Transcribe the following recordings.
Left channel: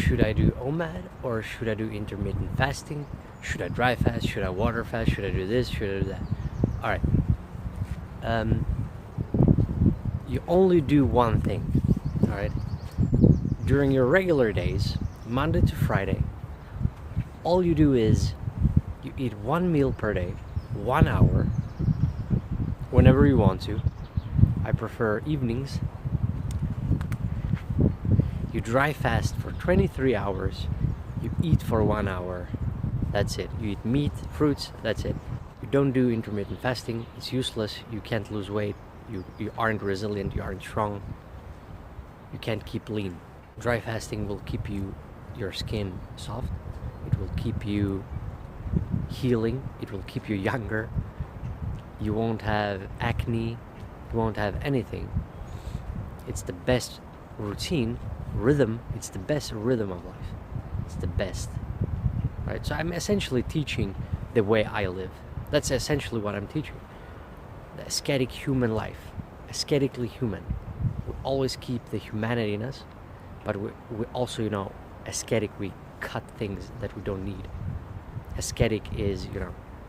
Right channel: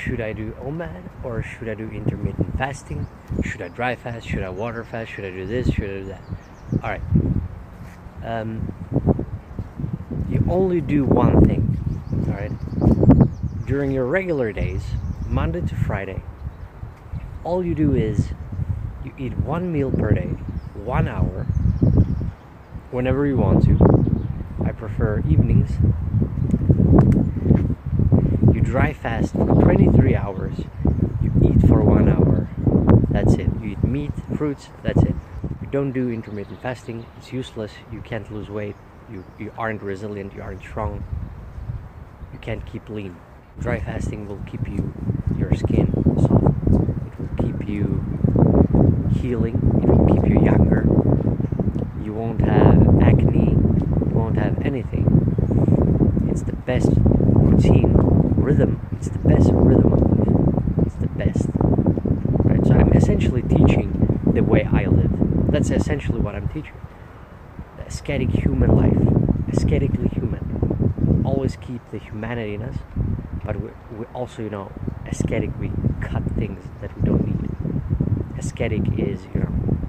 should I do OMAD or should I do intermittent fasting? Should I dry fast? Should I water fast? Should I do this? Should I do that? All right. You only do one thing. All right. During your regular days, Monday to Friday, all you do is you eat one meal per day, 1 hour, whenever you want to. I prefer evenings. You dry fast for 23 hours. You eat for 1 hour. That's it. You eat meat, fruits, that's it. You don't do intermittent fasting. It's useless. You can't lose weight. You aren't resilient. You aren't strong. You can't keep lean. Dry fasting will keep your skin soft. It will keep you healing. It will keep you younger. You won't have acne. You won't have anything. It's the best routine, rhythm. It's the best rhythm of life. It's the best. Right? So I'm essentially teaching the way I live. That's essentially what I'm teaching. The ascetic human life. Ascetically human. Always keep the humanity in us. But we also, ascetic, we cut things that we don't need. Ascetic is,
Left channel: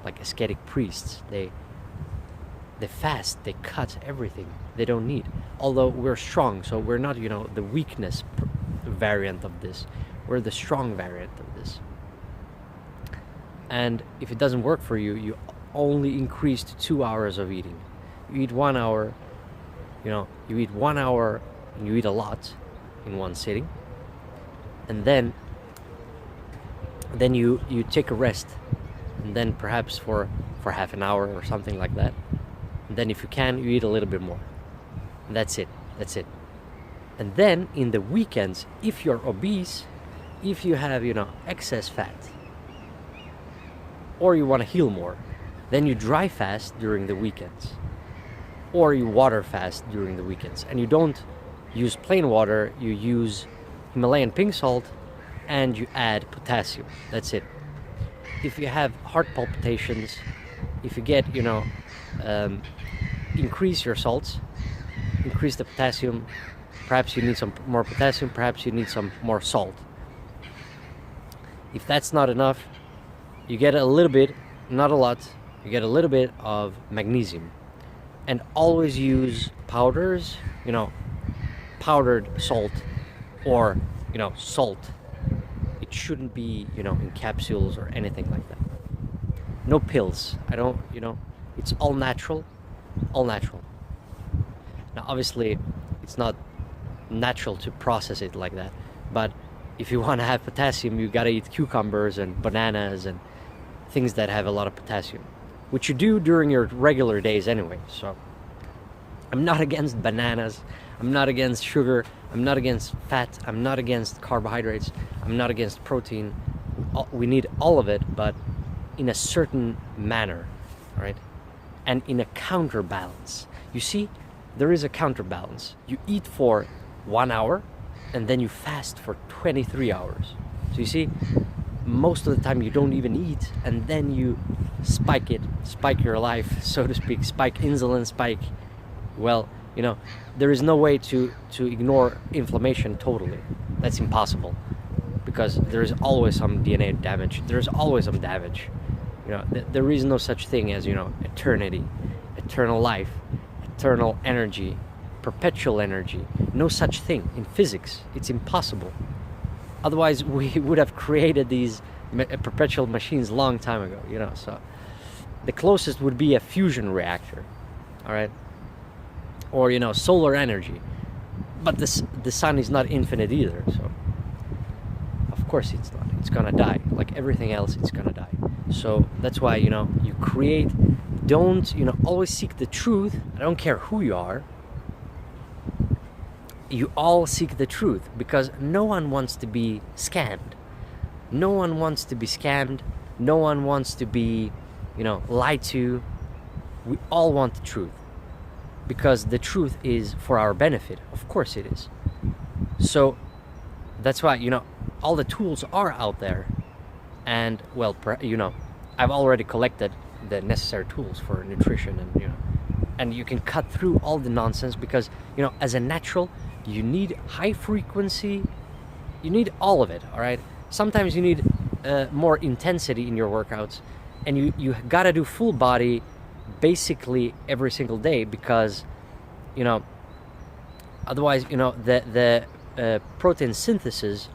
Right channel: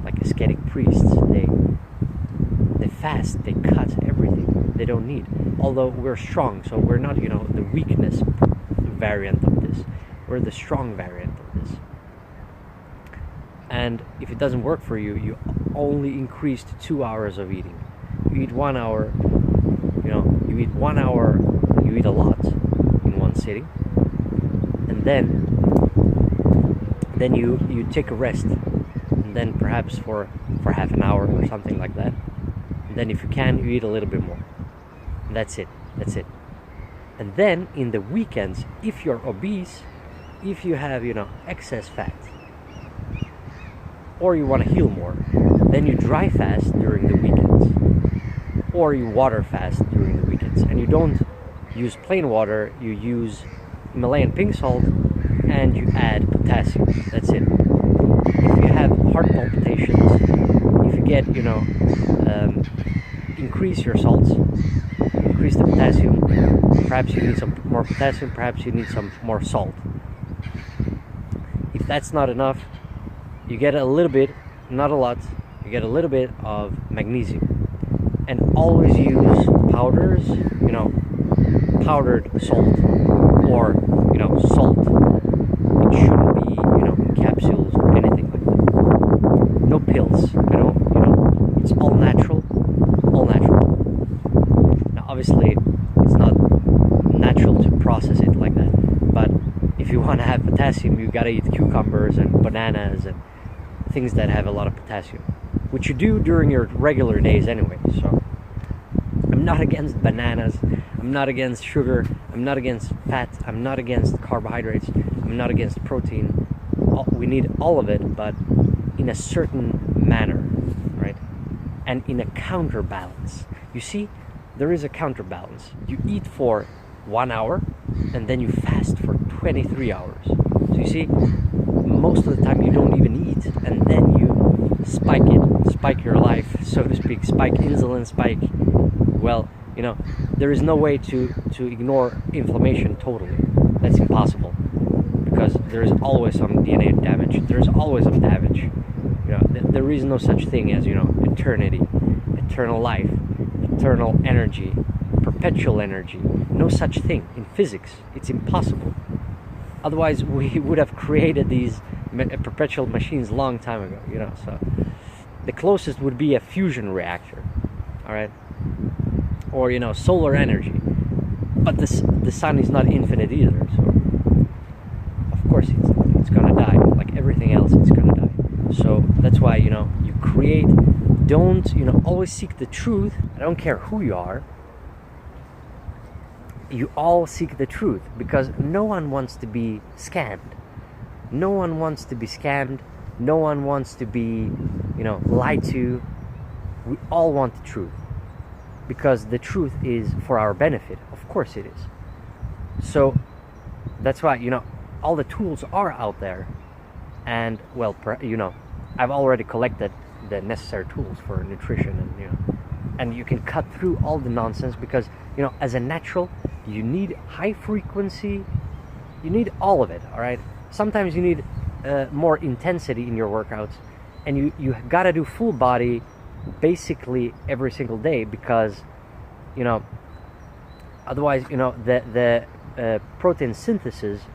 like ascetic priests. They fast, they cut everything they don't need. Although we're strong, so we're not, the weakness variant of this. We're the strong variant of this. And if it doesn't work for you, you only increase to 2 hours of eating. You eat 1 hour, you eat 1 hour, you eat a lot in one sitting. And then you take a rest. And then perhaps for half an hour or something like that. And then if you can, you eat a little bit more. And that's it. And then in the weekends, if you're obese, if you have, excess fat, or you want to heal more, then you dry fast during the weekends. Or you water fast during the weekends. And you don't use plain water, you use Himalayan pink salt, and you add potassium. That's it. If you have heart palpitations, if you get, increase your salts, increase the potassium. Perhaps you need some more potassium, perhaps you need some more salt. If that's not enough, you get a little bit, not a lot, you get a little bit of magnesium. And always use powders, powdered salt, or, salt. It shouldn't be, capsules or anything like that. No pills. It's all natural. All natural. Now, obviously, it's not natural to process it like that. But if you want to have potassium, you gotta eat cucumbers and bananas and things that have a lot of potassium, which you do during your regular days anyway. So I'm not against bananas. I'm not against sugar. I'm not against fat. I'm not against carbohydrates. I'm not against protein. We need all of it, but in a certain manner, right? And in a counterbalance. You see, there is a counterbalance. You eat for 1 hour, and then you fast for 23 hours. So you see, most of the time you don't even eat, and then you spike your life, so to speak, spike insulin, there is no way to ignore inflammation totally. That's impossible, because there is always some DNA damage. There's always some damage. There is no such thing as, eternity, eternal life, eternal energy, perpetual energy. No such thing in physics. It's impossible. Otherwise, we would have created these perpetual machines long time ago, so the closest would be a fusion reactor, all right? Or, solar energy. But the sun is not infinite either, so of course it's gonna die. Like everything else, it's gonna die. So that's why, you create, don't, always seek the truth. I don't care who you are. You all seek the truth, because no one wants to be scammed. No one wants to be scammed. No one wants to be, lied to. We all want the truth, because the truth is for our benefit. Of course it is. So that's why, all the tools are out there. And, well, I've already collected the necessary tools for nutrition, and you can cut through all the nonsense, because, as a natural, you need high frequency you need all of it, all right? Sometimes you need more intensity in your workouts, and you gotta do full body basically every single day, because you know, otherwise, you know, the protein synthesis,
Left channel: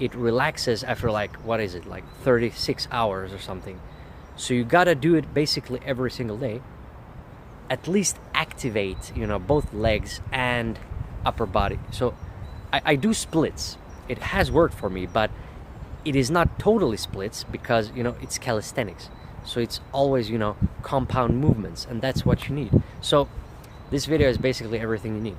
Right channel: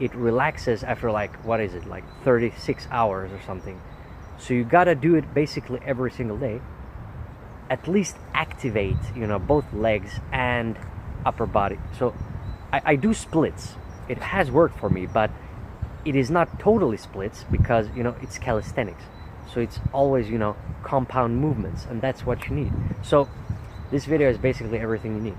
it relaxes after like, what is it, like 36 hours or something. So you gotta do it basically every single day, at least activate, you know, both legs and upper body. So I do splits. It has worked for me, but it is not totally splits, because you know, it's calisthenics, so it's always, you know, compound movements, and that's what you need. So this video is basically everything you need.